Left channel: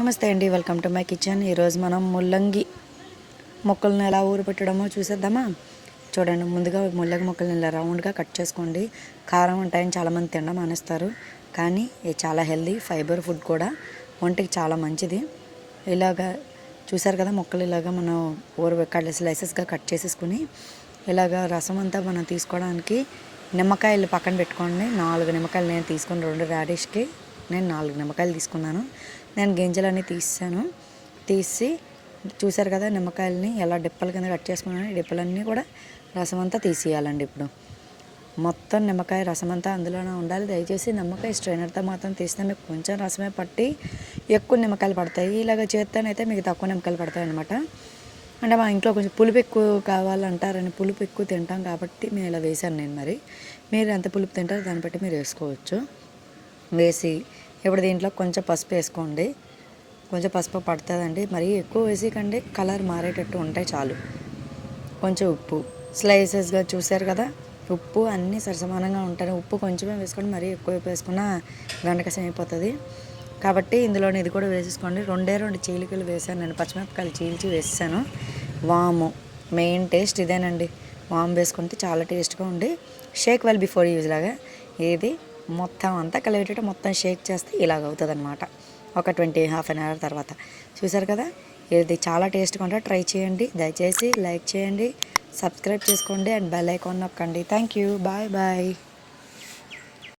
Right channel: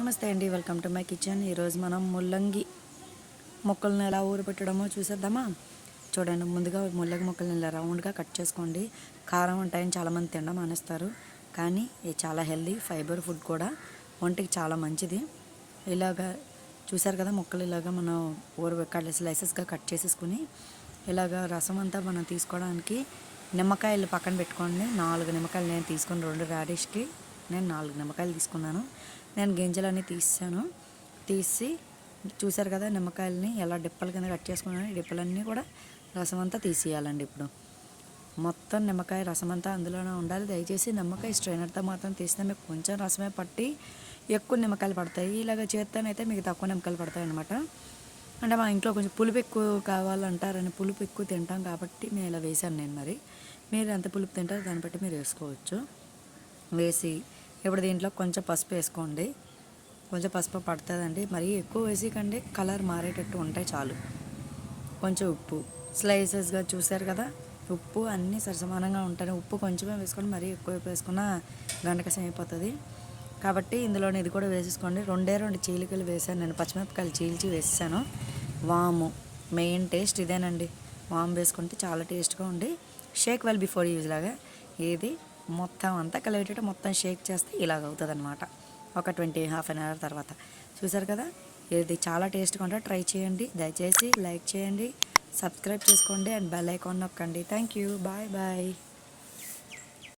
నమస్తే అండి, welcome to my kitchen. ఈరోజు మనం ముల్లంగి మొక్కలను ఎలా ఊరపెట్టడమో చూసేద్దామా. చూడండి, ముందుగా ముల్లంగి మొక్కలను ఇలా రౌండ్గా కట్ చేసుకోండి. కారం ఉంటాయని చాలామంది తినడం మానేస్తారు, కానీ ఇది చాలా హెల్దీ ఫైబర్ ఫుడ్ కూడా, ఒంటికి చాలా మంచిది. ఇలాగా చూసారు కదా, మొక్కలు ఇలాగా మనం స్లైసెస్గా కట్ చేసేసుకుని ఇలాగా రసం అంతా మనం తీసుకోవడానికి నిమ్మకాయలు పక్కన పెట్టుకోండి. 4 నిమ్మకాయలు నేను తీసుకుని 2 రాడిష్కి నేను 4 నిమ్మకాయలు తీసుకున్నాను. నేను గింజలన్నీ తీసి చూసారు కదా, నిమ్మకాయలని ఎలా డిప్పల కింద కట్ చేసుకున్నాను. ఈ డిప్పలన్నీ కూడా రసం అంతా తీసేయాలండి. ఇప్పుడు మొత్తం నిమ్మకాయ రసం అంతా అందులోనే ఉండాలి. దయచేసి నిమ్మకాయ స్ట్రైనర్తో మాత్రం తీస్తే మీకు కొంచెం రసమే పట్టి ఎక్కువ నిమ్మకాయలు పడతాయి. ఇలాగ చేత్తోనైతే మీకు తక్కువ నిమ్మకాయలు పడతాయి అన్నమాట. అంటే మా ఇంట్లో కొంచెం పులుపు ఎక్కువ కావాలంటారని, పులుపు ఎక్కువ తింటాం కాబట్టి నేను ఇలా వేసాను. నేను మరి మీరు ఎంత పులుపు తింటారో దాన్ని బట్టి మీరు వేసుకోవచ్చు. వేసి ఇప్పుడు దీంట్లో కొంచెం పసుపు వేసుకోండి. కొంచెం పసుపు పడుతుందండి, మరీ ఎక్కువ వేసికండి, కలర్ మారేటట్టు ఉంటే చాలు. కొంచెం ఉప్పు స్లైసెస్గా చూసారు కదా, ఉప్పు అన్నీ సరసమానంగా ఉంటాయి. ఉప్పు కొంచెమే వేసుకోండి, మరీ ఎక్కువ వేసుకున్న గంటకసం అయిపోతుంది. కాబట్టి ఇందులో ఇది కూడా వేసేసుకోండి. 2 చీలికలు వేసాను నేను, పచ్చిమిరపకాయలు చీల్చి వేసాను. వాము మెయిన్ టేస్ట్ ఇదేనండి. వాము వేసుకుంటే చాలా టేస్ట్గా ఉండి షేక్ వెల్ బిఫోర్ యూజ్ లాగా ఏది మొత్తం అంతా కలిపేటట్టు మొత్తం షేక్ చేస్తే ఇలాగ అవుతుంది అనమాట. ఒక హాఫ్ అన్ అవర్ తర్వాత చూసారు కదా, ఇది చాలా టేస్ట్గా ఉంటుంది. ట్రై చేయండి. దయచేసి లైక్ చేయండి, సబ్స్క్రైబ్ చేసుకోండి అండ్ బెల్ ఐకాన్ నొక్కండి. Thank you, bye bye.